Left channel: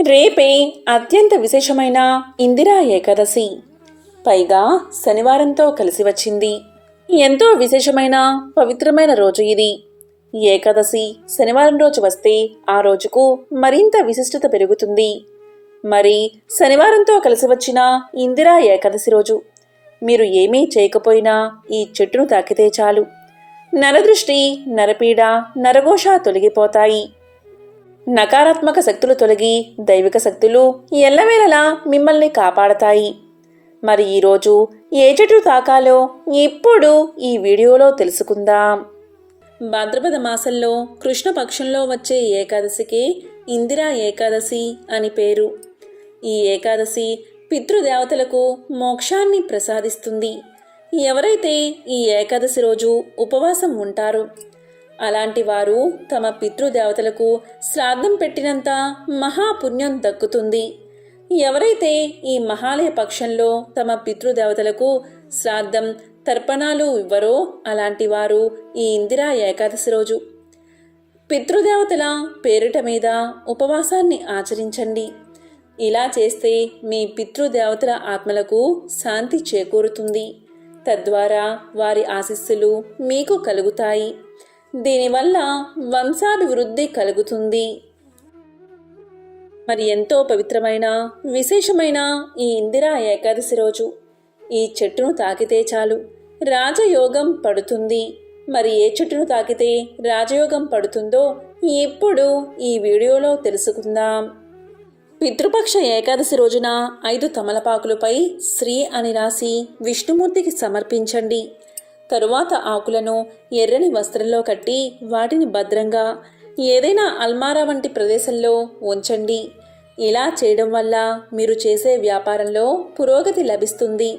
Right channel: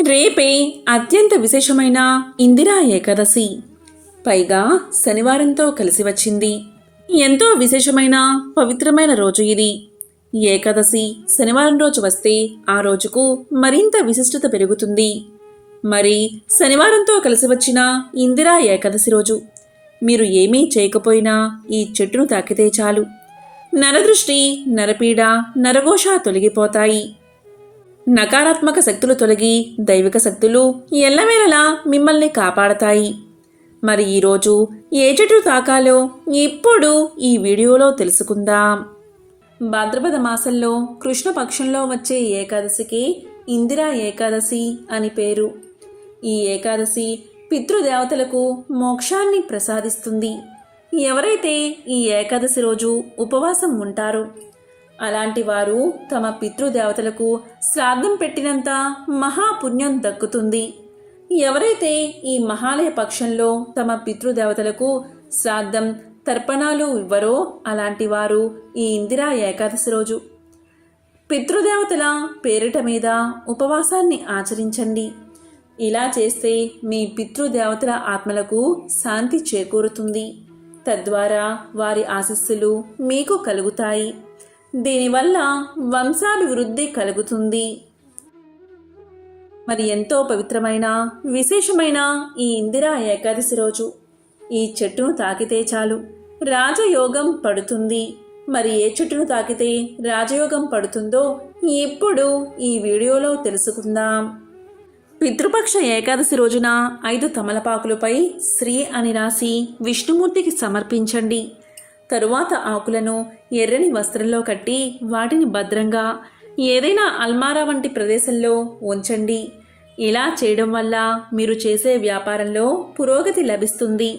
రేపే అత్యంత విశేషమైన ఇందిరా ఏకాదశి. పైగా శనివారంతో కలిసి వచ్చింది. ఎంతో విశేషమైన పవిత్రమైన రోజు ఇది. ఏకాదశి శనివారం రోజు వస్తే ఆ రోజుకు మరింత విశిష్టత పెరుగుతుంది. మరి శనివారంతో కలిసి వచ్చిన ఇందిరా ఏకాదశి రోజు మీరు ఏమీ చేయకపోయినా ఈ చెట్టును తాకితే చాలు. నరదృష్టి నరపీడ నరఘోష తొలగిపోతాయి. నకారాత్మక శక్తులు తొలగి దైవిక శక్తులు ఎల్లవేళలా మిమ్మల్ని కాపాడతాయి. మరి ఈరోజు ఏ చెట్టు తాకాలో ఇప్పుడు ఈ వీడియోలో తెలుసుకుందాం. భాద్రపద మాసంలో కృష్ణపక్షంలో వచ్చే ఏకాదశికి ఇందిరా ఏకాదశి అని పేరు. ఈ ఏకాదశి పితృదేవతలకు మోక్షాన్ని ప్రసాదిస్తుంది. ఎవరైతే ఈ ఏకాదశి రోజు ఉపవాసం ఉంటారో అలాంటి వారు తమ పితృదేవతలకు శ్రాద్ధం పెట్టినంత మహాపుణ్యం దక్కుతుంది. ఎవరైతే ఈ మహాలయ పక్షంలో తమ పితృదేవతలకు శ్రాద్ధం తర్పణాలు ఇవ్వరో అలాంటి వారు ఈ ఇందిరా ఏకాదశి రోజు. పితృదేవతల పేరిట మీద ఉపవాసాన్ని ఆచరించండి. ఇలా చేస్తే మీ పితృదేవతల ఆత్మలకు శాంతి చేకూరుతుంది. తద్వారా వారి ఆశస్సులు మీకు కలుగుతాయి. దీనివల్ల వంశాభివృద్ధి కలుగుతుంది. మరి ఎంతో పవిత్రమైన విశేషమైన ఈ ఇందిరా ఏకాదశి రోజు. ఈ చెట్టును తాకితే చాలు. రాజయోగం పడుతుంది. మరి ఏ చెట్టును తాకితే రాజయోగం పడుతుందో ఇప్పుడు ఈ వీడియోలో తెలుసుకుందాం. పితృపక్ష ఏకాదశి రోజున ఐదు తమలపాకులపై శ్రీ అని రాసి విష్ణుమూర్తికి సమర్పించండి. తరువాత ఆకులను ఎర్రని వస్త్రంలో కట్టి వాటిని భద్రంగా ఏదైనా అల్మారా వంటి ప్రదేశంలో ఉంచండి. ఇలా చేయడం వల్ల మీరు చేసే వ్యాపారంలో పురోగతి లభిస్తుంది.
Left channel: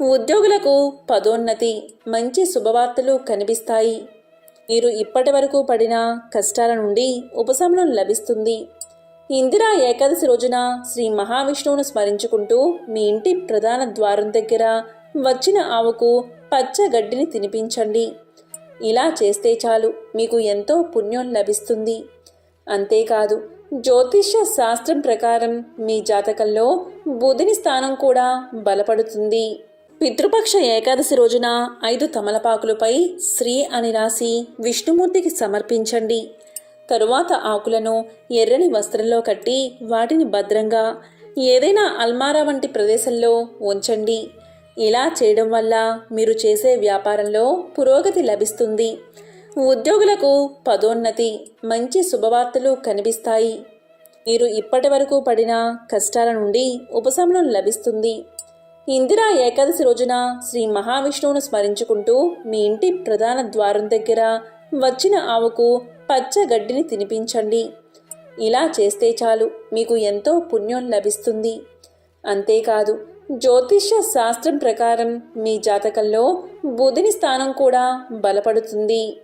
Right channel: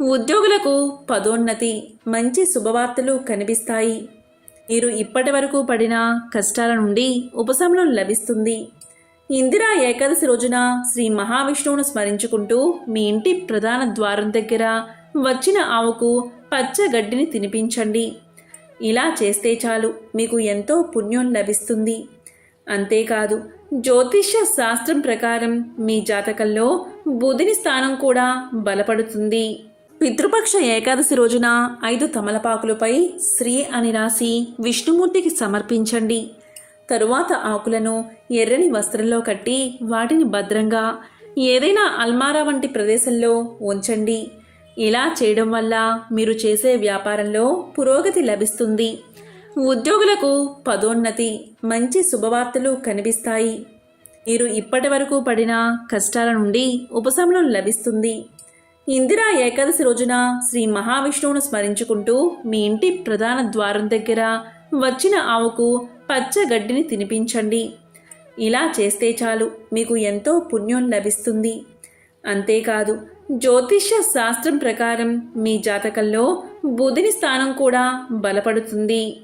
ఉద్యోగులకు పదోన్నతి మంచి శుభవార్తలు కనిపిస్తాయి. మీరు ఇప్పటి వరకు పడిన కష్టాల నుండి ఉపశమనం లభిస్తుంది. ఇందిరా ఏకాదశి రోజున శ్రీ మహావిష్ణువును స్మరించుకుంటూ మీ ఇంటి ప్రధాన ద్వారం దగ్గర వచ్చిన ఆవుకు పచ్చ గడ్డిని తినిపించండి. ఇలా చేస్తే చాలు మీకు ఎంతో పుణ్యం లభిస్తుంది. అంతేకాదు జ్యోతిష్య శాస్త్రం ప్రకారం మీ జాతకంలో బుధిని స్థానం కూడా బలపడుతుంది. పితృపక్ష ఏకాదశి రోజున ఐదు తమలపాకులపై శ్రీ అని రాసి విష్ణుమూర్తికి సమర్పించండి. తరువాత ఆకులను ఎర్రని వస్త్రంలో కట్టి వాటిని భద్రంగా ఏదైనా అల్మారా వంటి ప్రదేశంలో ఉంచండి. ఇలా చేయడం వల్ల మీరు చేసే వ్యాపారంలో పురోగతి లభిస్తుంది. ఉద్యోగులకు పదోన్నతి మంచి శుభవార్తలు కనిపిస్తాయి. మీరు ఇప్పటి వరకు పడిన కష్టాల నుండి ఉపశమనం లభిస్తుంది. ఇందిరా ఏకాదశి రోజున శ్రీ మహావిష్ణువును స్మరించుకుంటూ మీ ఇంటి ప్రధాన ద్వారం దగ్గర వచ్చిన ఆవుకు పచ్చ గడ్డిని తినిపించండి. ఇలా చేస్తే చాలు మీకు ఎంతో పుణ్యం లభిస్తుంది. అంతేకాదు జ్యోతిష్య శాస్త్రం ప్రకారం మీ జాతకంలో బుధిని స్థానం కూడా బలపడుతుంది.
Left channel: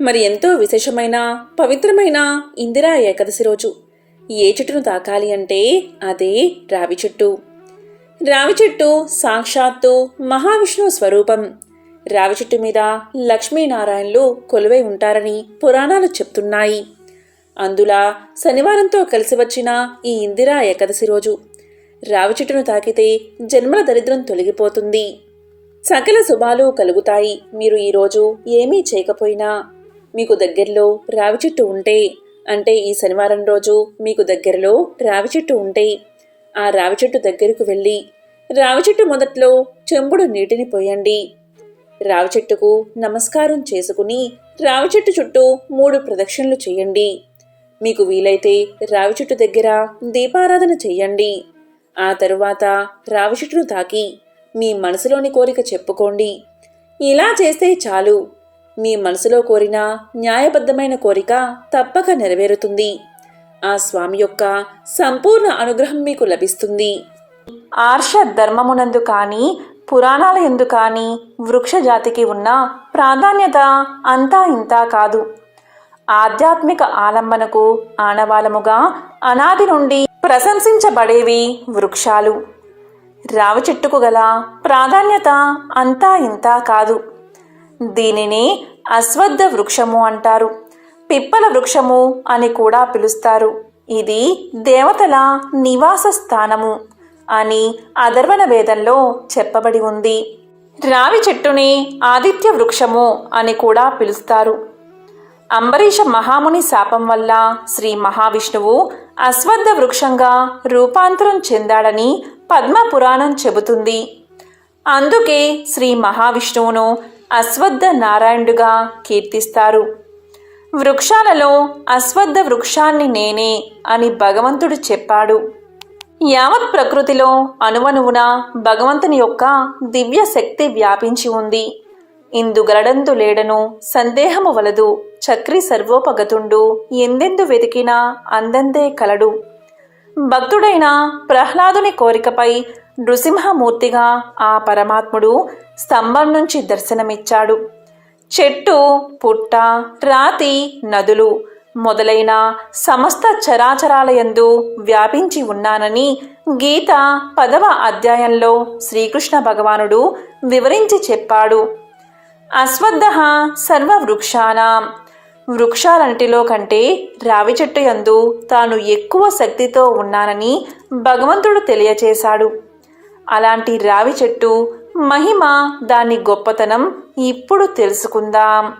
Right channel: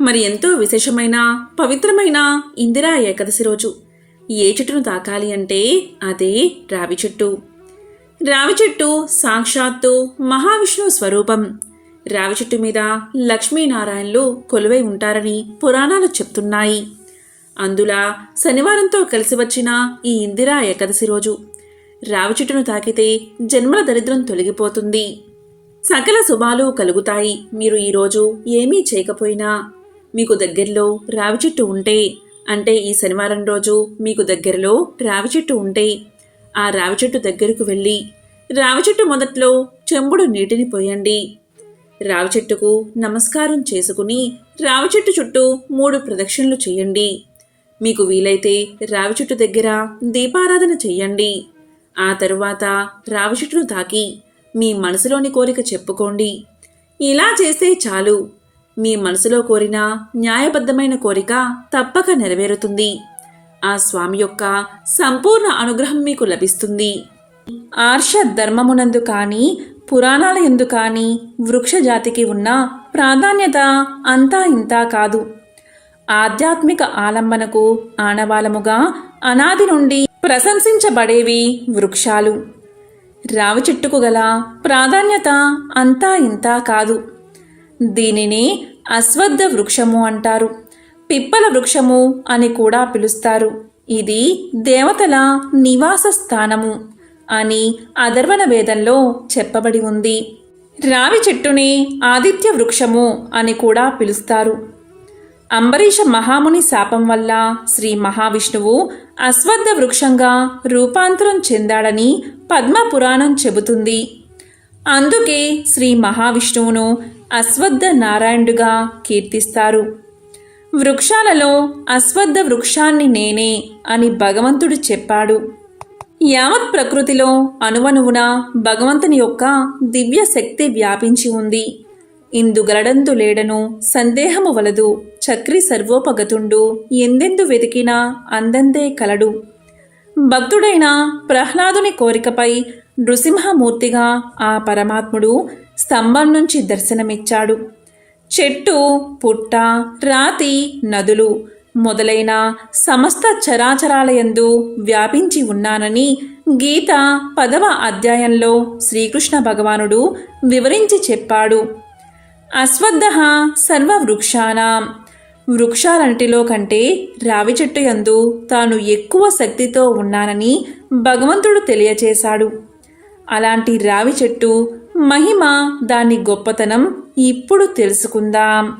మరి ఎంతో విశేషమైన పవిత్రమైన ఇందిరా ఏకాదశి రోజు ఏ చెట్టును తాకాలి అంటే అదే రావి చెట్టు. రావి చెట్టు సాక్షాత్తు మహావిష్ణువు స్వరూపం. రావి చెట్టు మీద లక్ష్మీనారాయణలు కొలువై ఉంటారని పురాణాలు చెప్తున్నాయి. అందులా శనివారంతో కలిసి వచ్చిన ఈ ఇందిరా ఏకాదశి రోజు రావి చెట్టును తాకితే జన్మల దరిద్రం తొలగిపోతుంది. సకల శుభాలు కలుగుతాయి. మీరు ఈరోజు ఏమీ చేయకపోయినా మీకు దగ్గరలో రావి చెట్టు ఉంటే అంటే ఈ శనివారం రోజు మీకు దగ్గరలో రావి చెట్టు ఉంటే ఆ రావి చెట్టు దగ్గరకు వెళ్ళి రావి చెట్టు మొదట్లో చెంబుడు నీటిని పోయండి. రావి చెట్టుకు నమస్కారం చేసుకుని రావి చెట్టు చుట్టూ మూడు ప్రదక్షిణలు చేయండి. మీకు వీలైతే రావి చెట్టు దగ్గర దీపారాధన చేయండి. ఆ తరువాత రావి తాకి మీ మనసులోని కోరిక చెప్పుకోండి. ఇలా చేస్తే చాలు. మీ మనసులో కోరిన న్యాయబద్ధమైన కోరిక తప్పక నెరవేరుతుంది. ఆ స్వామి యొక్క సంపూర్ణ అనుగ్రహం మీకు లభిస్తుంది. ఆర్ష ధర్మమునందు కానీ పురాణాల ఎందు కానీ వృక్ష జాతికి ఉన్న ప్రాధాన్యత అంతా ఇంతా కాదు. ఆధ్యాత్మిక ఆలంబనకు ఆనవాలముగా అనాది నుండి ప్రశంసించబడేవి వృక్షాలు. రావి చెట్టుకు గల ప్రాధాన్యత అంతా ఇంతా కాదు. దీనిని అశ్వద్ధ వృక్షము అంటారు. పిప్పల వృక్షము అని కూడా పిలుస్తారు. ఇది దేవతల నివాస స్థానము అని అధర్వణ వేదంలో చెప్పబడి ఉంది. రావి చెట్టుని ఆదిత్య వృక్షము అని కూడా పిలుస్తారు. అంబరీష మహాముని శాపం వల్ల శ్రీ మహావిష్ణువు అశ్వత్థ వృక్షంగా రూపాంతరం చెందాడని పద్మ పురాణం చెబుతుంది. అందుకే శ్రీ మహావిష్ణువును అశ్వత్థ నారాయణుడుగా కీర్తిస్తారు. వృక్షాలలో అశ్వత్థ వృక్షాన్ని నేనే అని భగవంతుడు చెప్పాడు. యావత్ ప్రకృతిలో అణువణువున భగవంతుని యొక్క దివ్య శక్తి వ్యాపించి ఉంది. ఇందుగలడందు లేడను సందేహము వలదు. చక్రి సర్వోపగతుండు. ఎందెందు వెతికినా అందందే కలడు. భక్తుడైన ప్రహ్లాదుని కోరికపై నృసింహమూర్తిగా ఆ పరమాత్ముడు స్తంభం నుంచి దర్శనమిచ్చాడు. చెట్టు పుట్ట రాతి నదులు మొదలైన సమస్త చరాచరాలయందు వ్యాపించి ఉన్నానని గీత పదవ అధ్యాయంలో శ్రీకృష్ణ భగవానుడు వివరించి చెప్పాడు. అశ్వత్థ సర్వవృక్షానాం. వృక్షాలన్నిటిలో కంటే రావి చెట్టు యందు తాను ఎక్కువ శక్తితో ఉన్నానని భగవంతుడు తెలియచేశాడు. అలాంటి రావి చెట్టు మహిమ దాని గొప్పతనం ఇప్పుడు తెలుసుకుందాం.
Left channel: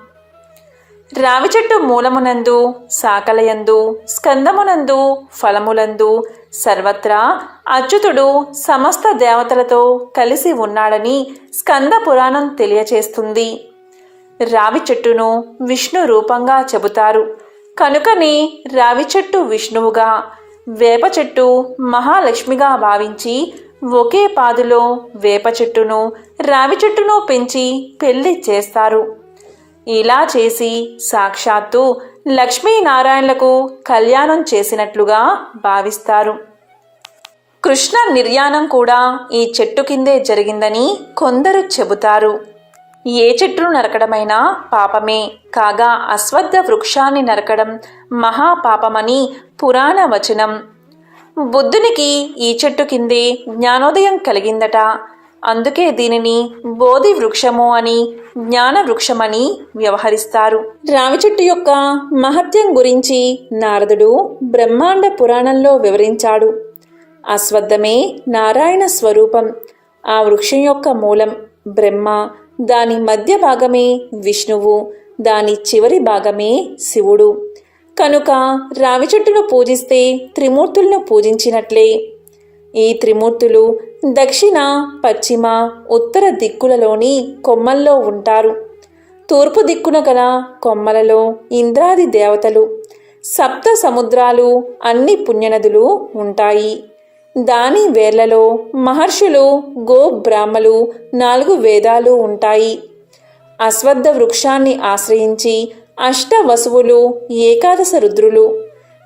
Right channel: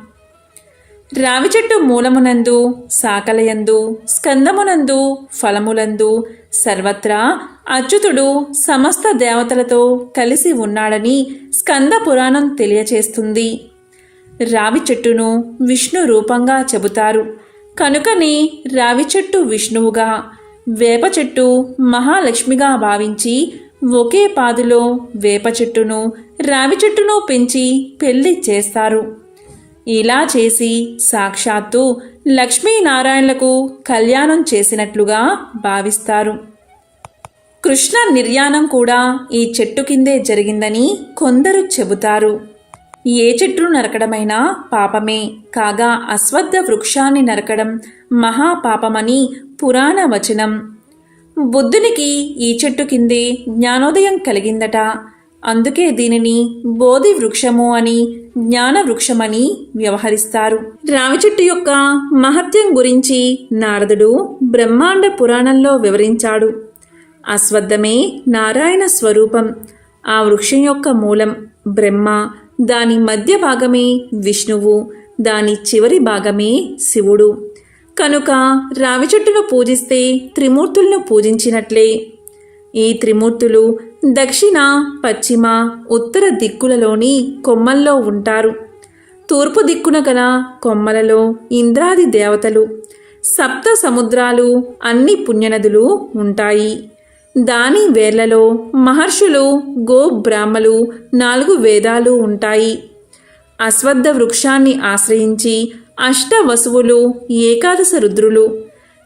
రావి చెట్టు మూలమునందు సాకలయందు స్కందమునందు ఫలములందు సర్వత్రా అచ్యుతుడు సమస్త దేవతలతో కలిసి ఉన్నాడని స్కంద పురాణం తెలియచేస్తుంది. రావి చెట్టును విష్ణు రూపంగా చెబుతారు. కనుకనే రావి చెట్టు విష్ణువుగా వేప చెట్టు మహాలక్ష్మిగా భావించి ఒకే పాదులో వేప చెట్టును రావి చెట్టును పెంచి పెళ్ళి చేస్తారు. ఇలా చేసి సాక్షాత్తు లక్ష్మీనారాయణలకు కళ్యాణం చేసినట్లుగా భావిస్తారు. కృష్ణ నిర్యాణం కూడా ఈ చెట్టు కిందే జరిగిందని కొందరు చెబుతారు. ఏ చెట్టును నరకడమైనా పాపమే కాగా అశ్వత్థ వృక్షాన్ని నరకడం మహాపాపమని పురాణ వచనం. బుద్ధునికి ఈ చెట్టు కిందే జ్ఞానోదయం కలిగిందట. అందుకే దీనిని బోధి వృక్షము అని జ్ఞాన వృక్షమని వ్యవహరిస్తారు. రావి చెట్టు యొక్క మహత్యం గురించి నారదుడు బ్రహ్మాండ పురాణంలో వివరించాడు. అశ్వత్థమే నారాయణ స్వరూపం. ఆ వృక్షం యొక్క మూలం బ్రహ్మ. దాని మధ్య భాగమే విష్ణువు. దాని చివరి భాగమే శివుడు. కనుక రావి చెట్టును పూజిస్తే త్రిమూర్తులను పూజించినట్లే ఈ త్రిమూర్తులు దక్షిణ పశ్చిమ ఉత్తర దిక్కులలోని కొమ్మల్లో ఉంటారు. తూర్పు దిక్కున గల కొమ్మలలో ఇంద్రాది దేవతలు సప్త సముద్రాలు అన్ని పుణ్యనదులు ఉంటాయి. దాని వేర్లలో మహర్షులు గో బ్రాహ్మలు నాలుగు వేదాలు ఉంటాయి. అశ్వద్ధ వృక్షాన్ని ఆశ్రయించి అష్ట వసువులు ఏకాదశ రుద్రులు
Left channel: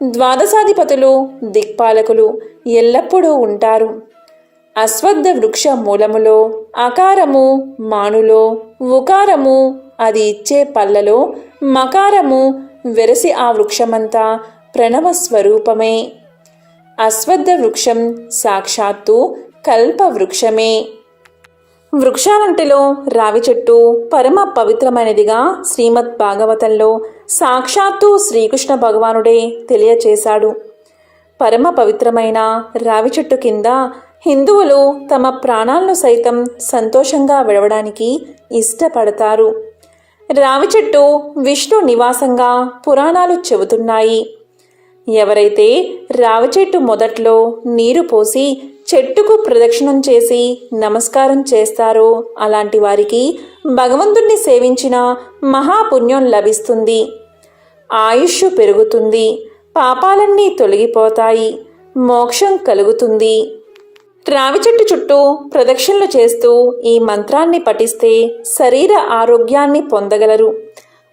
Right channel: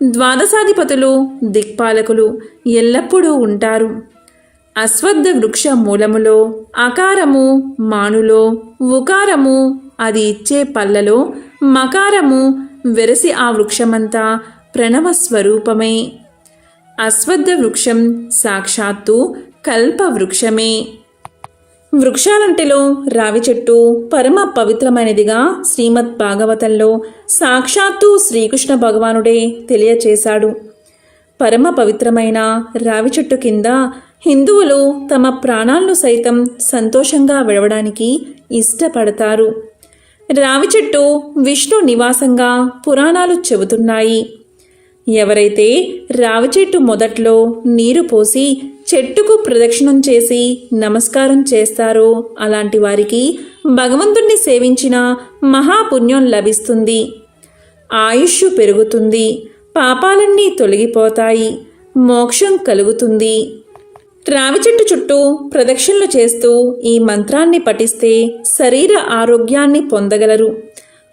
ద్వాదశాధిపతులు దిక్పాలకులు ఎల్లప్పుడూ ఉంటారు. అశ్వద్ధ వృక్ష మూలములో అకారము మానులో ఉకారము అది ఇచ్చే పల్లలో మకారము వెరసి ఆ వృక్షమంతా ప్రణవ స్వరూపమే అశ్వత్థ వృక్షం సాక్షాత్తు కల్ప వృక్షమే వృక్షాలంటిలో రావి చెట్టు పరమ పవిత్రమైనదిగా శ్రీమద్ భాగవతంలో సాక్షాత్తు శ్రీకృష్ణ భగవానుడే తెలియచేశాడు. పరమ పవిత్రమైన రావి చెట్టు కింద హిందువులు తమ ప్రాణాలను సైతం సంతోషంగా విడవడానికి ఇష్టపడతారు. రావి చెట్టు విష్ణు నివాసంగా పురాణాలు చెబుతున్నాయి. ఎవరైతే రావి చెట్టు మొదట్లో నీరు పోసి చెట్టుకు ప్రదక్షిణం చేసి నమస్కారం చేస్తారో అలాంటి వారికి భగవంతుణ్ణి సేవించిన మహాపుణ్యం లభిస్తుంది. ఆయుష్ పెరుగుతుంది పాపాలన్నీ తొలగిపోతాయి మోక్షం కలుగుతుంది. రావి చెట్టు చుట్టూ ప్రదక్షిణలు చేస్తూ ఈ మంత్రాన్ని పఠిస్తే శరీర ఆరోగ్యాన్ని పొందగలరు.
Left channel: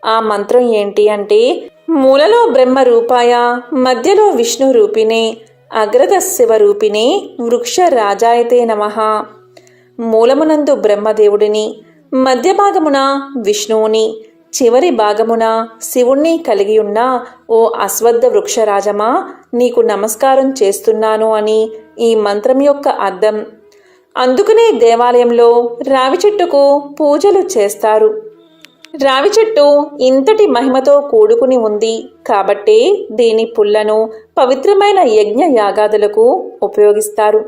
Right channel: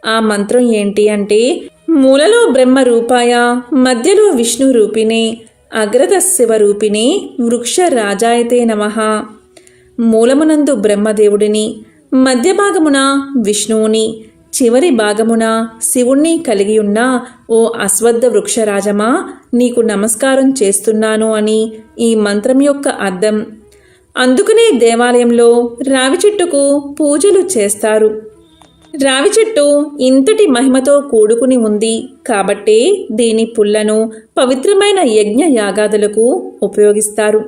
ఆ మంత్రం ఏంటి అంటే మూలలో బ్రహ్మ రూపాయ మధ్యలో విష్ణు రూపిణే అగ్రత శివ రూపిణే వృక్ష రాజాయతే నమః. మూలమునందు బ్రహ్మదేవుడిని మధ్య భాగమున విష్ణువుని చివరి భాగమున శివుణ్ణి కలిగి ఉన్న ఓ అశ్వద్ధ వృక్షరాజమా నీకు నమస్కారం చేస్తున్నాను అని ఈ మంత్రం యొక్క అర్థం. అందుకనే దేవాలయంలో రావి చెట్టుకు పూజలు చేస్తారు. రావి చెట్టు ఇంతటి మహిమతో కూడుకుని ఉంది కాబట్టే దీని పుల్లను పవిత్రమైన యజ్ఞ యాగాదులకు ఉపయోగిస్తారు.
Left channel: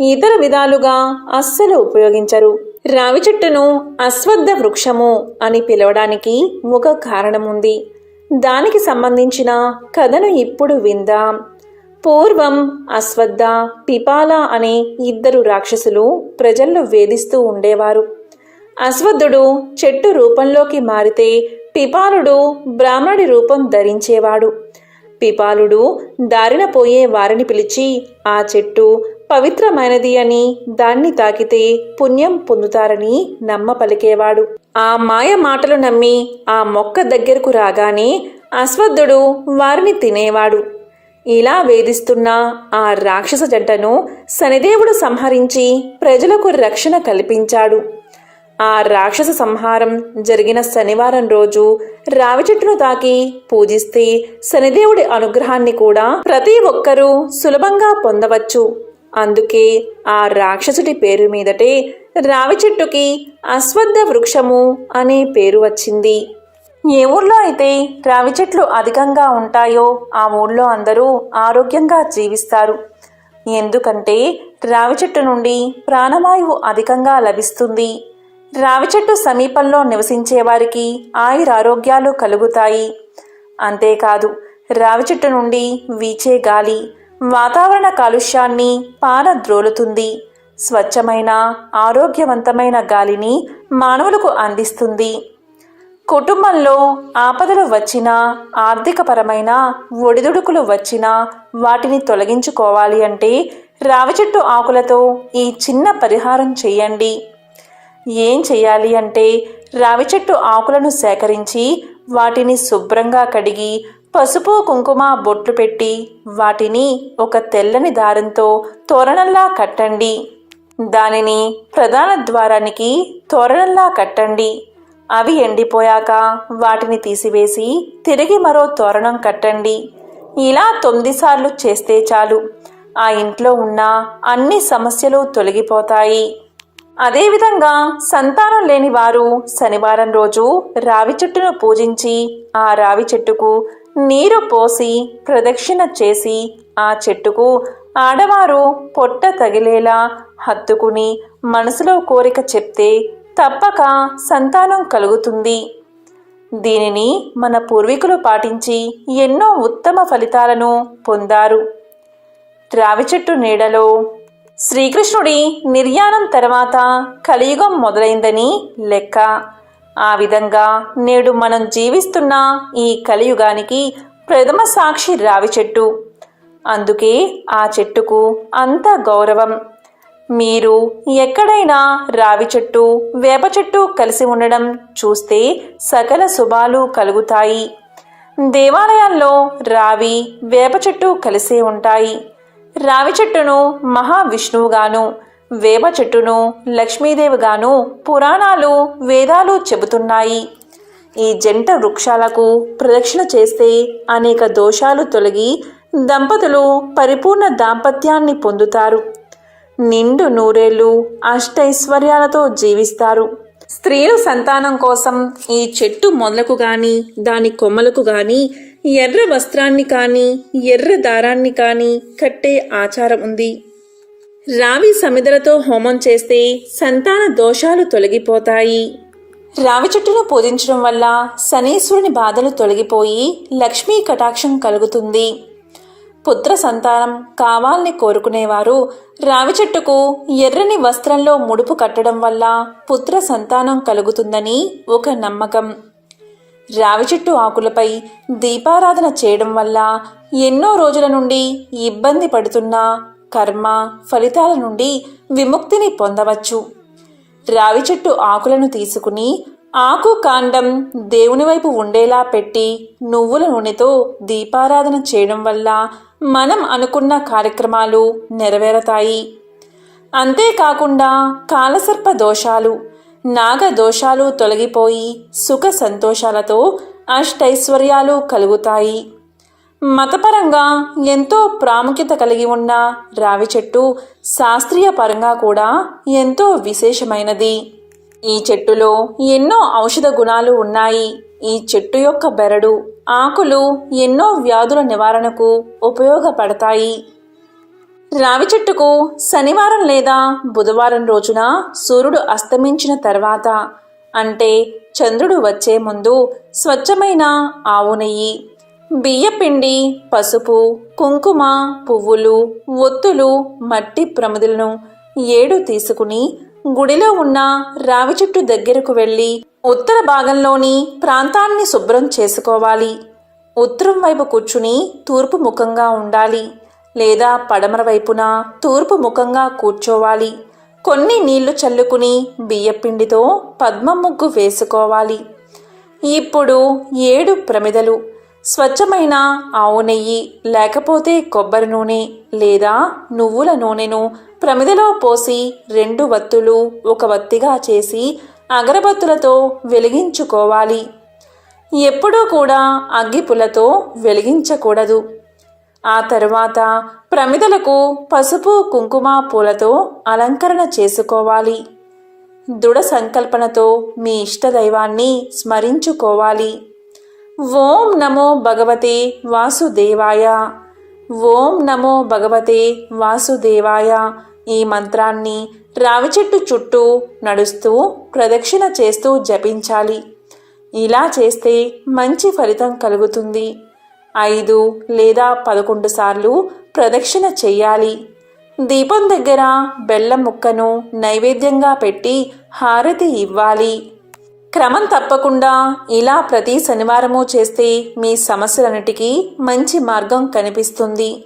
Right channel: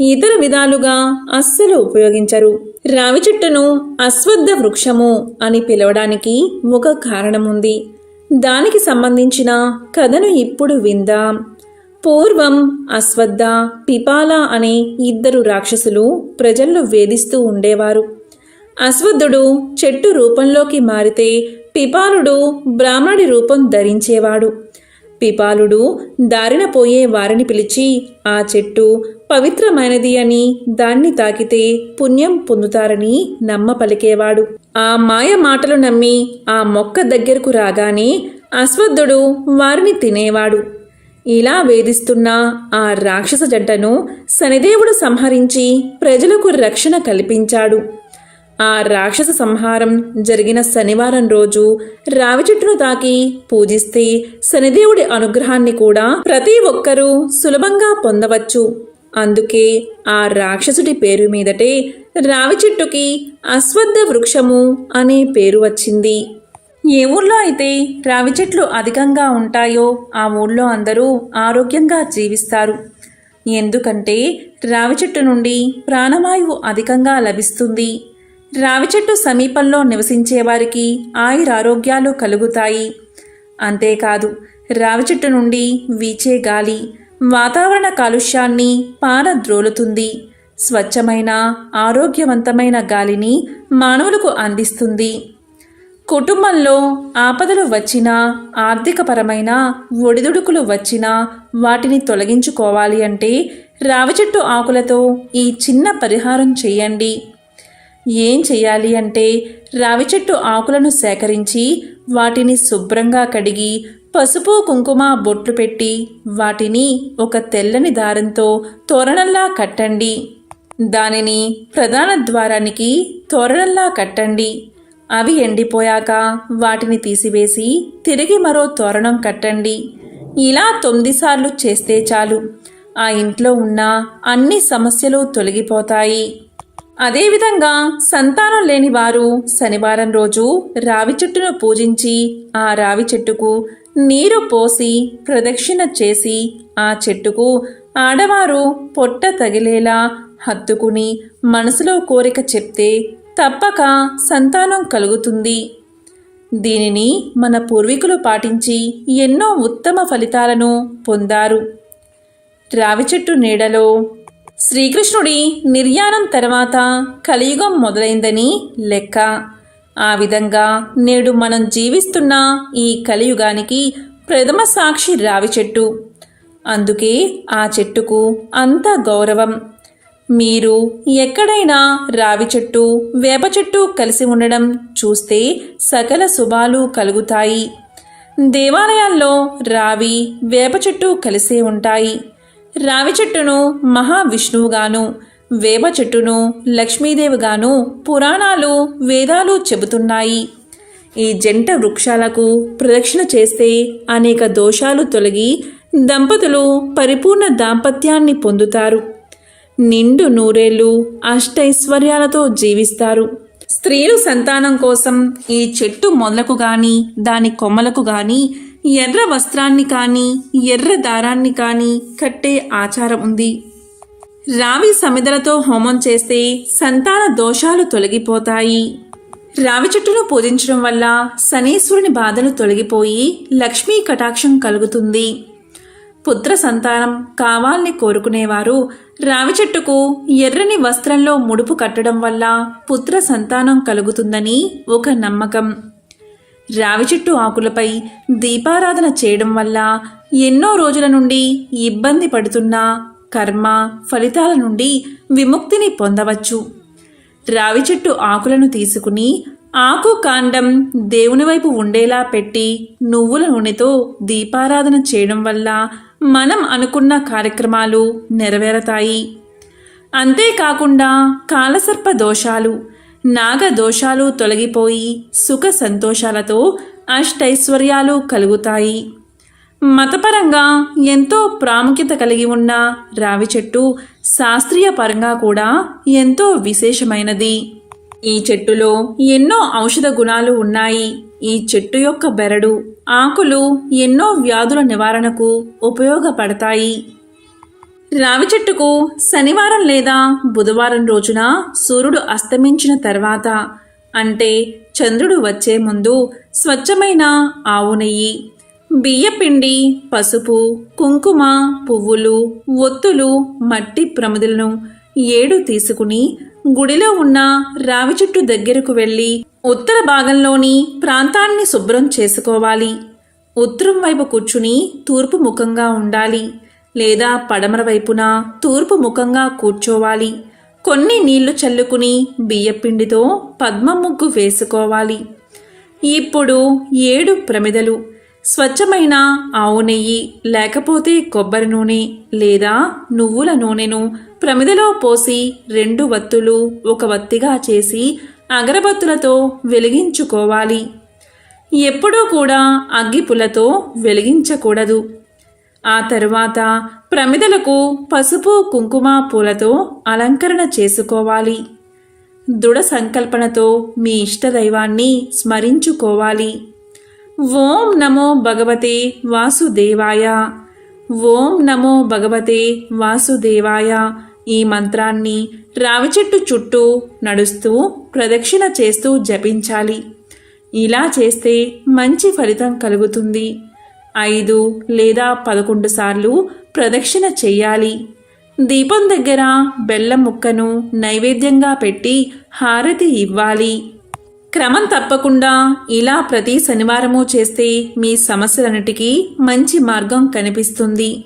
ఇతర విధాలుగా అస్సలు ఉపయోగించరు. రావి చెట్టును అశ్వద్ధ వృక్షము అని పిలవడానికి ఒక కారణముంది. దానికి సంబంధించిన కథను ఇప్పుడు విందాం. పూర్వం అశ్వద్ధ పిపాల అనే ఇద్దరు రాక్షసులు ప్రజలను వేధిస్తూ ఉండేవారు. అశ్వద్ధుడు చెట్టు రూపంలోకి మారితే పిపాలుడు బ్రాహ్మణుడి రూపం ధరించేవాడు. పిపాలుడు దారిన పోయే వారిని పిలిచి ఆ చెట్టు పవిత్రమైనది అని దాన్ని తాకితే పుణ్యం పొందుతారని నమ్మ పలికేవాడు ఆ మాయ మాటలు నమ్మి ఆ మొక్క దగ్గరకు రాగానే అశ్వద్ధుడు వారిని తినేవాడు. ఇలా వేధిస్తున్న ఆ రాక్షస జంటను శనిదేవుడు సంహరించి ప్రజలకు రక్షణ కల్పించాడు. ఆ రాక్షస సంహారం జరిగిన శనివారం రోజు రావి చెట్టును తాకి పూజిస్తే శనిదేవుడి అనుగ్రహాన్ని కూడా ప్రతి ఒక్కరూ సులభంగా పొందవచ్చు. అందుకే ఆ రాక్షసుడి పేరు మీదటే రావి చెట్టుకి అశ్వద్ధ వృక్షము అనే పేరు వచ్చింది. ఏ ఊర్లో అయితే రావి చెట్లు అధికంగా ఉంటాయో ఆ ఊళ్ళో అందరూ ఆరోగ్యంగా జీవిస్తారు. ఎందుకంటే రావి చెట్టు నుండి ప్రాణవాయువు అధికంగా లభిస్తుంది. రావి చెట్టు సమీపంలో నివసించే వారికి ఆయురారోగ్యాలు కలుగుతాయి. అంతేకాదు రావి చెట్టు నుండి వీచే గాలి వాతావరణ కాలుష్యాన్ని పారద్రోలుతుంది. స్వచ్ఛమైన ఆరోగ్యవంతమైన గాలిని మానవులకు అందిస్తుంది. కుటుంబంలో ఆపదలు వచ్చినా ఆర్థికపరమైన ఒడిదుడుకులు వచ్చినా వాటిని తొలగించుకోవాలి అంటే రావి చెట్టు ఆకులతో ఈ చిన్న పరిహారం చేయండి. ఏం చేయాలి అంటే రావి చెట్టు ఆకులను సేకరించి వాటిని శుభ్రంగా కడిగి పసుపు కుంకుమ బొట్లు పెట్టి వాటిని ఒక తెల్లని దారంతో తోరణంలా కట్టండి. దానిని ప్రధాన ద్వారానికి తోరణంలా కట్టండి. అవి ఎండిపోయాక వాటిని తీసివేసి తిరిగి మరో తోరణం కట్టండి. ఇలా తొమ్మిది సార్లు చేస్తే చాలు. ఆ ఇంట్లో ఉన్న అన్ని సమస్యలు తొలగిపోతాయి. అదేవిధంగా సంతానం లేని వారు శనివారం రోజు రావి చెట్టును పూజించి ఆ రావి చెట్టుకు నీరు పోసి ప్రదక్షిణ చేసి ఆ చెట్టుకు ఆడవారు పొట్ట తగిలేలా హత్తుకుని మనసులో కోరిక చెప్తే తప్పక సంతానం కలుగుతుంది. దీనిని మన పూర్వీకులు పాటించి ఎన్నో ఉత్తమ ఫలితాలను పొందారు. రావి చెట్టు నీడలో శ్రీకృష్ణుడి నిర్యాణం తర్వాత కలియుగం మొదలైందని లెక్క. ఆ విధంగా నేడు మనం జీవిస్తున్న ఈ కలియుగానికి ప్రథమ సాక్షి రావి చెట్టు. అందుకే ఆ చెట్టుకు అంత గౌరవం. మీరు ఎక్కడైనా రావి చెట్టు వేప చెట్టు కలిసి ఉండడం చూస్తే సకల శుభాలు కలుగుతాయి. దేవాలయాల్లో రావి వేప చెట్టు కలిసే ఉంటాయి. రావి చెట్టును మహావిష్ణువుగాను వేప చెట్టును లక్ష్మీదేవిగాను పురాణాలు వేదాలు చెబుతున్నాయి. ఈ జంట వృక్షాలకు ప్రదక్షిణ చేస్తే అనేక దోషాలు తొలగి దంపతులు పరిపూర్ణ దాంపత్యాన్ని పొందుతారు. నిండు నూరేళ్ళు అష్టైశ్వర్యాలతో జీవిస్తారు. స్త్రీలు సంతానం కోసం ఈ చెట్టు మొదలకు గాని దాని కొమ్మలకు గాని ఎర్ర వస్త్రాన్ని కానీ ఎర్ర దారాన్ని కానీ కట్టే ఆచారం ఉంది. రావి సమిదలతో హోమం చేస్తే సంతాన దోషాలు తొలగిపోతాయి. రావి చెట్టును పూజించడం వల్ల శనీశ్వరుని బాధలు తొలగిపోయి లక్ష్మీ కటాక్షం కలుగుతుంది. పుత్ర సంతానం కావాలని కోరుకునేవారు రావి చెట్టుకు ఎర్రని వస్త్రంలో ముడుపు కట్టడం వల్ల పుత్ర సంతానం కలుగుతుందని ఒక నమ్మకం. రావి చెట్టు ఆకులపై దీపారాధన చేయడం వల్ల ఎన్నో రోజుల నుండి ఇబ్బంది పడుతున్న కర్మ ఫలితాల నుండి విముక్తిని పొందవచ్చు. రావి చెట్టు ఆకులను తీసుకుని ఆకు కాండం దేవుని వైపు ఉండేలా పెట్టి నువ్వుల నూనెతో దీపారాధన చేయడం వల్ల మనం అనుకున్న కార్యక్రమాలు నెరవేరతాయి. అంతేకాకుండా కాలసర్ప దోషాలు నాగ దోషాలు తొలగిపోయి సుఖ సంతోషాలతో అష్టైశ్వర్యాలు కలుగుతాయి. మతపరంగా ఎంతో ప్రాముఖ్యత కలిగి ఉన్న రావి చెట్టు శాస్త్రీయ పరంగా కూడా ఎంతో విశేషమైనది. ఈ చెట్టులో ఎన్నో ఔషధ గుణాలు ఉన్నాయి. ఈ చెట్టు యొక్క బెరడు ఆకులు ఎన్నో వ్యాధుల నివారణకు ఉపయోగపడతాయి. రావి చెట్టుకు శనివారం లేదా బుధవారం రోజున సూర్యుడు అస్తమించిన తర్వాత అంటే చంద్రుడు వచ్చే ముందు స్వచ్ఛమైన ఆవు నెయ్యి బియ్యపిండి పసుపు కుంకుమ పువ్వులు ఒత్తులు మట్టి ప్రమిదలను ఏడు తీసుకుని గుడిలో ఉన్న రావి చెట్టు దగ్గరకు వెళ్ళి ఉత్తర భాగంలోని ప్రాంతాన్ని శుభ్రం చేసుకోవాలి. ఉత్తరం వైపు కూర్చుని తూర్పు ముఖంగా ఉండాలి. లేదా పడమర వైపున తూర్పు ముఖంగా కూర్చోవాలి. కొన్ని నీళ్ళు చల్లుకుని బియ్యపిండితో పద్మ ముగ్గు వేసుకోవాలి. ఇప్పుడు ఏడు ప్రమిదలు. స్వచ్ఛమైన ఆవు నెయ్యి లేకపోతే కొబ్బరి నూనె లేదా నువ్వుల నూనెను ప్రమిదలో పోసి రెండు వత్తులు ఒక వత్తిగా చేసి అగరబత్తులతో వెలిగించుకోవాలి. ఎప్పుడూ కూడా అగ్గిపులతో వెలిగించకూడదు. ఆ తర్వాత ప్రమిదలకు పసుపు కుంకుమ పూలతో అలంకరణ చేసుకోవాలి. దృఢ సంకల్పనతో మీ ఇష్టదైవాన్ని స్మరించుకోవాలి. ఓం నమో భగవతే వాసుదేవాయ. ఓం నమో భగవతే వాసుదేవాయ. ఈ మంత్రాన్ని రావి చెట్టు చుట్టూ నడుస్తూ ప్రదక్షిణ చేస్తూ జపించాలి. ఇలా చేస్తే మంచి ఫలితం కలుగుతుంది. ఐదు లేదా పదకొండు సార్లు ప్రదక్షిణ చెయ్యాలి. దీపం దగ్గర బెల్లం ముక్కను నైవేద్యంగా పెట్టి హారతి ఇవ్వాలి. క్రమం తప్పకుండా ఇలా ప్రతి శనివారము చేస్తే మీ సమస్యలన్నిటికీ మంచి మార్గం కనిపిస్తుంది.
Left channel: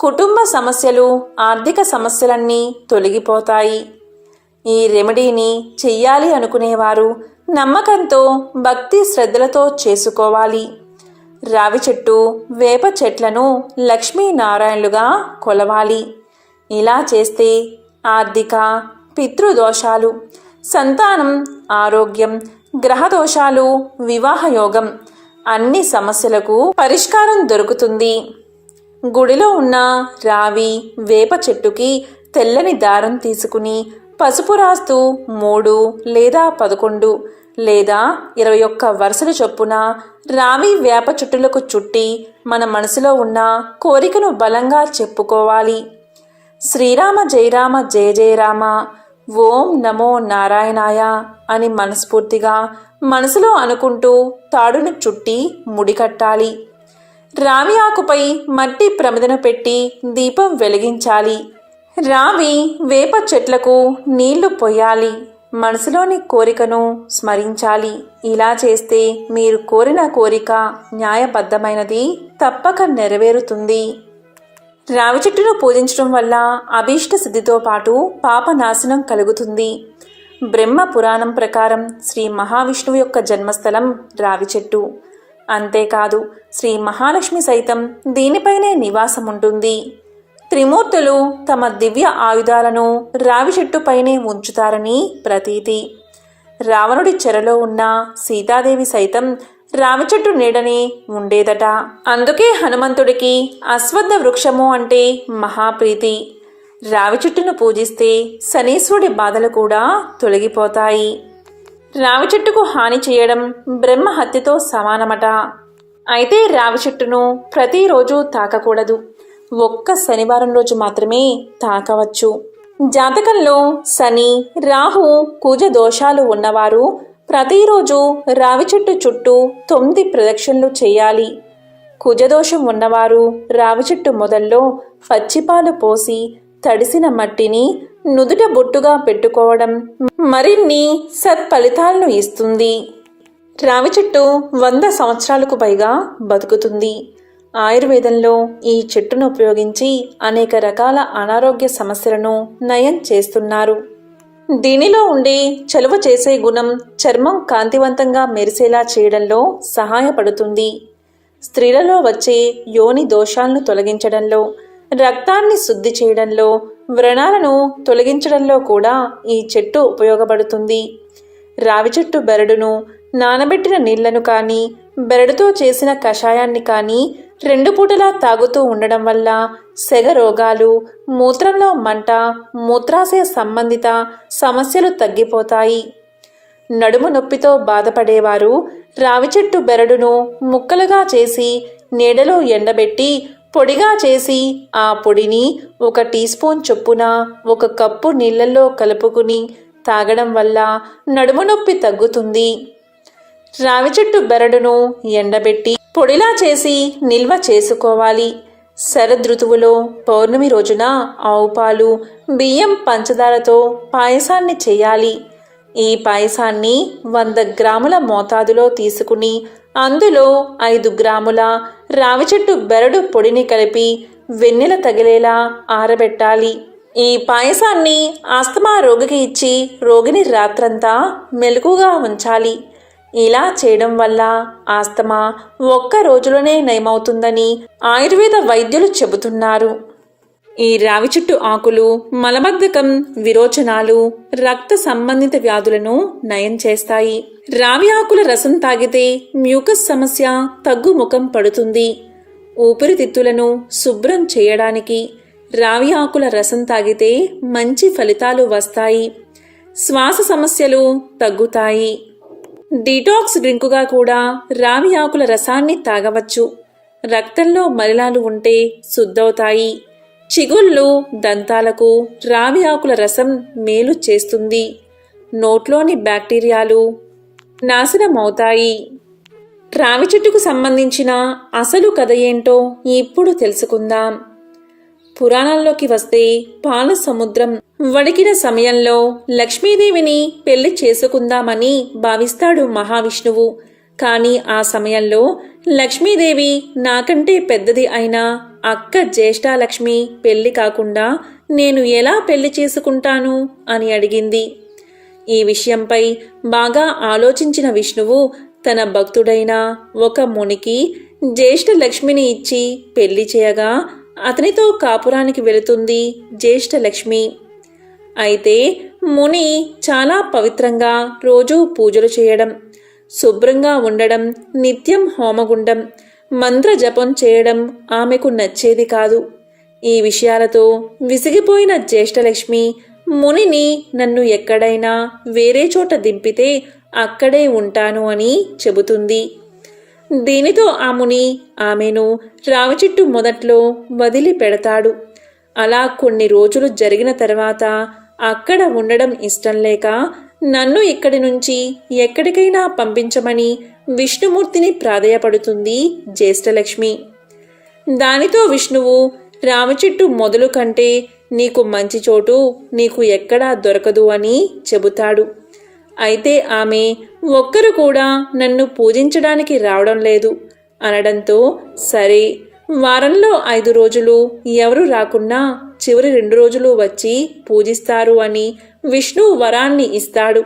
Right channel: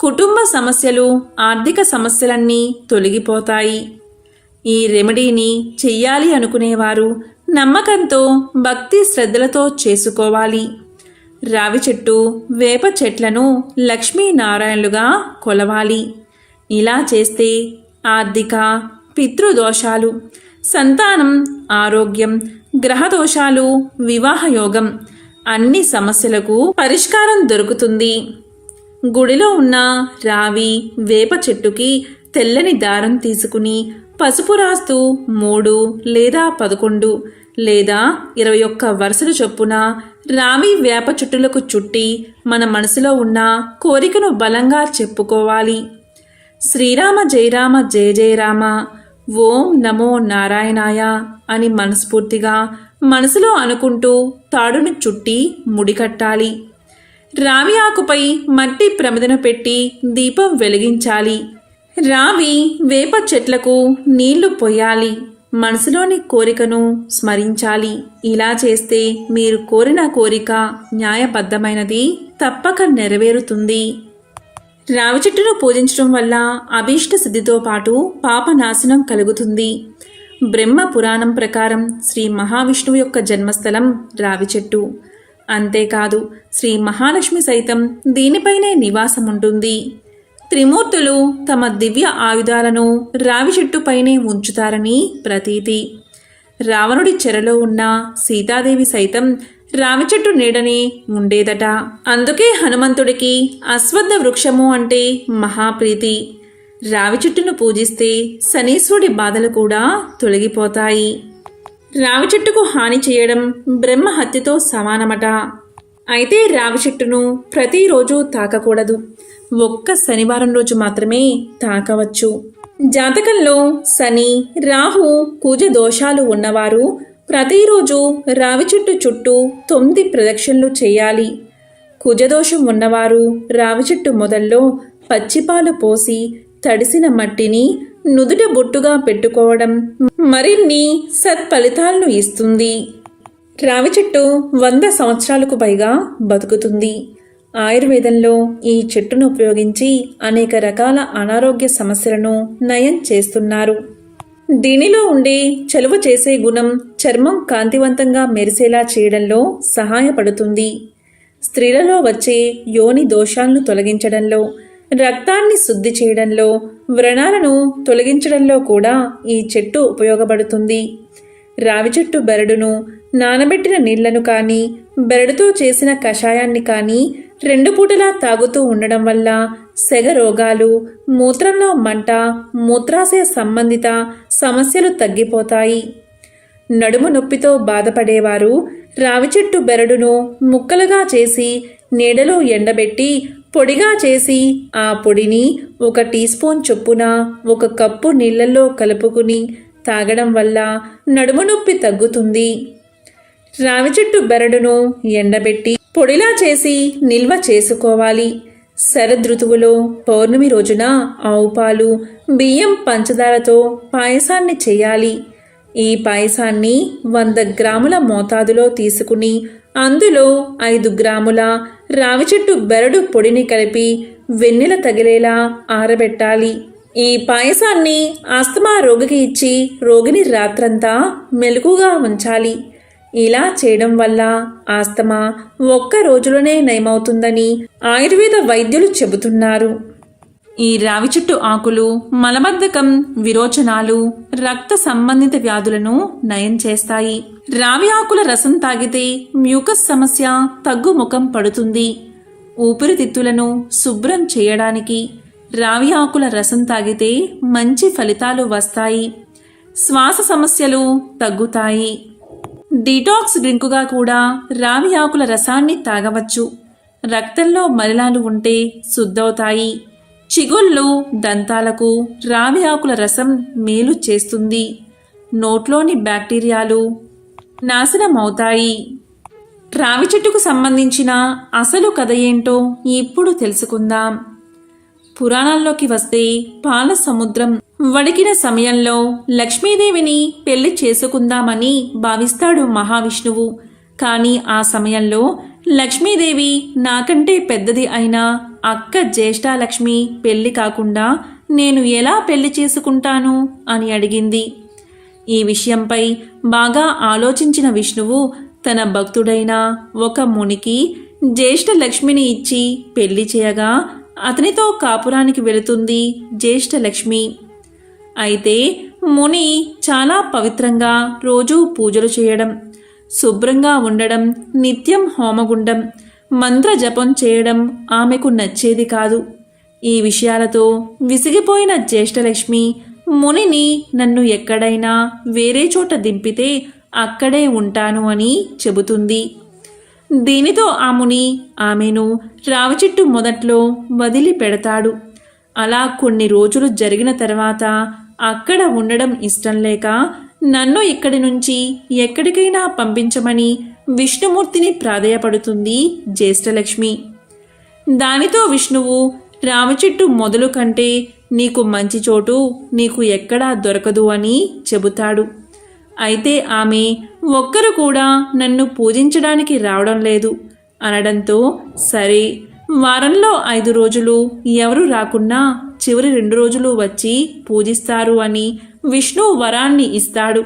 కుటుంబ సమస్యలు ఆర్థిక సమస్యలన్నీ తొలగిపోతాయి. ఈ రెమెడీని చెయ్యాలి అనుకునేవారు నమ్మకంతో భక్తి శ్రద్ధలతో చేసుకోవాలి. రావి చెట్టు వేప చెట్లను లక్ష్మీనారాయణులుగా కొలవాలి. ఇలా చేస్తే ఆర్థిక పితృదోషాలు సంతానం ఆరోగ్యం గ్రహదోషాలు వివాహయోగం అన్ని సమస్యలకు పరిష్కారం దొరుకుతుంది. గుడిలో ఉన్న రావి వేప చెట్టుకి తెల్లని దారం తీసుకుని పసుపు రాస్తూ మూడు లేదా పదకొండు లేదా ఇరవై ఒక్క వరుసల చొప్పున రావి వేప చెట్టులకు చుట్టి మన మనసులో ఉన్న కోరికను బలంగా చెప్పుకోవాలి. శ్రీరామ జయరామ జయ జయరామ ఓం నమో నారాయణాయ అని మనస్ఫూర్తిగా మనసులో అనుకుంటూ తాడును చుట్టి ముడికట్టాలి రావి ఆకుపై మట్టి ప్రమిదను పెట్టి దీపం వెలిగించాలి. రావి వేప చెట్లకు నీళ్ళు పొయ్యాలి. మనసులోని కోరికను స్మరించాలి. ఇలా చేస్తే మీరు కోరిన కోరిక న్యాయబద్ధమైనది తప్పక నెరవేరుతుంది. రావి చెట్టును పూజించడం వల్ల అభీష్ట సిద్ధితో పాటు పాపనాశనం కలుగుతుంది. బ్రహ్మ పురాణం ప్రకారం శ్రీ మహావిష్ణువు యొక్క జన్మస్థలం రావి చెట్టు. అంతేకాదు శ్రీ మహాలక్ష్మి సైతం దీనిపైనే నివాసం ఉంటుంది త్రిమూర్తులు తమ దివ్య ఆయుధాలను రావి చెట్టుపైనే ఉంచుతారని ప్రతీతి. రావణుడి చెరలో ఉన్న సీతాదేవి సైతం రావి చెట్టు నీడనే ఉండేదట. అందుకే హనుమంతుడికి అశ్వత్థ వృక్షము అంటే మహాప్రీతి. రావి చెట్టును పూజిస్తే శనీశ్వరుడి బాధలు కూడా తొలగిపోతాయి. రావి చెట్టుకు హాని చేయడం బ్రహ్మ హత్యతో సమానమట. అయితే రావి చెట్టును ప్రతిరోజు తాకకూడదు. ఒక్క శనివారం రోజు మాత్రమే తాకవచ్చు. జాతకంలో శని రాహు కుజ దోషాలు ఉన్నవారు ప్రతిరోజు రావి చెట్టు చుట్టూ తొమ్మిది ప్రదక్షిణలు చేయాలి. కుజదోషం ఉన్నవారు రావి చెట్టు మొదల్లో పచ్చిపాలు పోసి తడిసిన మట్టిని నుదుట బొట్టుగా పెట్టుకోవడం మరిన్ని సత్ఫలితాలను ఇస్తుంది. రావి చెట్టు వంద సంవత్సరాలకు పైగా బతుకుతుంది. ఆయుర్వేదంలో ఈ చెట్టును ఉపయోగించి అనేక రకాల అనారోగ్య సమస్యలను నయం చేస్తున్నారు. దీనిలో ఉండే చలువ చేసే గుణం చర్మం కాంతివంతంగా మెరిసేలా చేయడంలో సహాయపడుతుంది. స్త్రీలలో వచ్చే యోని దోషాలను తొలగించడంలో రక్తాన్ని శుద్ధి చేయడంలో వ్రణాలను తొలగించడంలో కూడా ఈ చెట్టు ఉపయోగపడుతుంది. రావి చెట్టు బెరడును నానబెట్టిన నీళ్ళను కానీ బెరడుతో చేసిన కషాయాన్ని కానీ రెండు పూటలా తాగుతూ ఉండడం వల్ల సెగ రోగాలు మూత్రంలో మంట మూత్రాశయ సంబంధిత సమస్యలు తగ్గిపోతాయి. నడుము నొప్పితో బాధపడేవారు రావి చెట్టు బెరడును ముక్కలుగా చేసి నీడలో ఎండబెట్టి పొడిగా చేసి ఆ పొడిని ఒక టీ స్పూన్ చొప్పున ఒక కప్పు నీళ్ళల్లో కలుపుకుని తాగడం వల్ల నడుము నొప్పి తగ్గుతుంది. రావి చెట్టు బెరడును ఎండబెట్టి పొడిలా చేసి నిల్వ చేసుకోవాలి. శరదృతువులో పౌర్ణమి రోజున ఆవు పాలు బియ్యం పంచదారతో పాయసాన్ని చేయాలి. ఈ పాయసాన్ని వంద గ్రాముల మోతాదులో తీసుకుని అందులో ఐదు గ్రాముల రావి చెట్టు బెరడు పొడిని కలిపి వెన్నెల తగిలేలా ఆరబెట్టాలి. ఈ పాయసాన్ని ఆస్తమా రోగికి ఇచ్చి రోగిని రాత్రంతా మెలకుగా ఉంచాలి. ఇలా చేయడం వల్ల ఆస్తమా ఒక్క రోజులోనే నయమవుతుందని ఆయుర్వేద వైద్యులు చెబుతున్నారు. ఈ రావి చెట్టు ఆకులు మలబద్ధకం విరోచనాలు రక్త సంబంధిత వ్యాధులను నయం చేస్తాయి. రావి ఆకుల రసం తాగితే మ్యూకస్ సమస్య తగ్గుముఖం పడుతుంది. ఊపిరితిత్తులను శుభ్రం చేయడానికి రావి ఆకుల రసం తాగితే మంచి ఫలితాలు వస్తాయి. శ్వాస సమస్యలు తగ్గుతాయి. డీటాక్స్ డ్రింకుగా కూడా రావి ఆకుల రసాన్ని తాగవచ్చు. రక్తంలో మలినాలు ఉంటే శుద్ధవుతాయి. చిగుళ్ళు దంతాలకు రావి ఆకుల రసం మేలు చేస్తుంది. నోట్లోని బ్యాక్టీరియాలు నాశనమవుతాయి. రావి చెట్టుకు సంబంధించిన అసలు కథ ఏంటో ఇప్పుడు తెలుసుకుందాం. పురాణాల్లోకి వస్తే పాల సముద్రం వడికిన సమయంలో లక్ష్మీదేవిని పెళ్ళి చేసుకుందామని భావిస్తాడు మహావిష్ణువు. కానీ ఆ సమయంలో లక్ష్మీదేవి నాకంటే పెద్దది అయిన అక్క జ్యేష్ఠాలక్ష్మి పెళ్ళి కాకుండా నేను ఎలా పెళ్ళి చేసుకుంటాను అని అడిగింది. ఈ విషయంపై బాగా ఆలోచించిన విష్ణువు తన భక్తుడైన ఒక మునికి జ్యేష్ఠ లక్ష్మిని ఇచ్చి పెళ్ళి చేయగా అతనితో కాపురానికి వెళుతుంది జ్యేష్ఠ లక్ష్మి అయితే ముని చాలా పవిత్రంగా రోజూ పూజలు చేయడం శుభ్రంగా ఉండడం నిత్యం హోమగుండం మంత్ర జపం చేయడం ఆమెకు నచ్చేది కాదు. ఈ విషయాలతో విసిగిపోయిన జ్యేష్ఠలక్ష్మి మునిని నన్ను ఎక్కడైనా వేరే చోట దింపితే అక్కడే ఉంటాను అని చెబుతుంది. దీనితో ఆ ముని ఆమెను రావచిట్టు మొదట్లో వదిలి పెడతాడు అలా కొన్ని రోజులు జరిగిన తర్వాత అక్కడ ఉండడం ఇష్టం లేక నన్ను ఇక్కడి నుంచి ఎక్కడికైనా పంపించమని విష్ణుమూర్తిని ప్రాధేయపడుతుంది జ్యేష్ఠలక్ష్మి. దానితో విష్ణువు రామచెట్టు మొదలు కంటే నీకు మంచి చోటు నీకు ఎక్కడా దొరకదు అని చెబుతాడు. అయితే ఆమె ఒక్కరు కూడా నన్ను పూజించడానికి రావడం లేదు అనడంతో సరే వారంలో ఐదు రోజులు. ఎవరు రాకున్నా చివరి రెండు రోజులు వచ్చి పూజిస్తారు అని విష్ణు వరాన్ని ఇస్తాడు.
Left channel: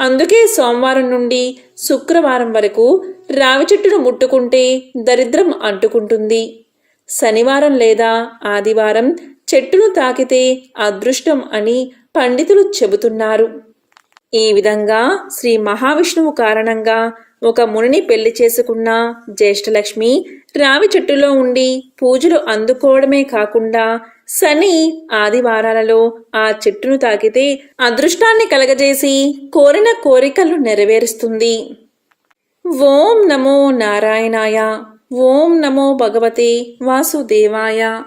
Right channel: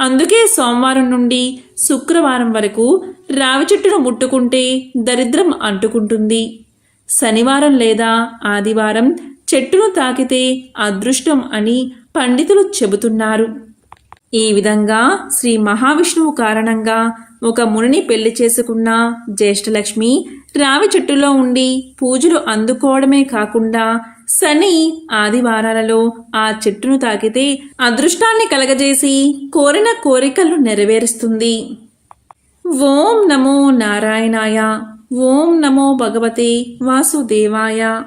అందుకే సోమవారం నుండి శుక్రవారం వరకు రావి చెట్టును ముట్టుకుంటే దరిద్రం అంటుకుంటుంది. శనివారం లేదా ఆదివారం చెట్టును తాకితే అదృష్టం అని పండితులు చెబుతున్నారు. ఈ విధంగా శ్రీ మహావిష్ణువు కారణంగా ఒక మునిని పెళ్ళి చేసుకున్న జ్యేష్ఠలక్ష్మి రావి చెట్టులో ఉండి పూజలు అందుకోవడమే కాకుండా శని ఆదివారాలలో ఆ చెట్టును తాకితే అదృష్టాన్ని కలగజేసి కోరిన కోరికలు నెరవేరుస్తుంది. ఓం నమో నారాయణాయ. ఓం నమో భగవతే వాసుదేవాయ.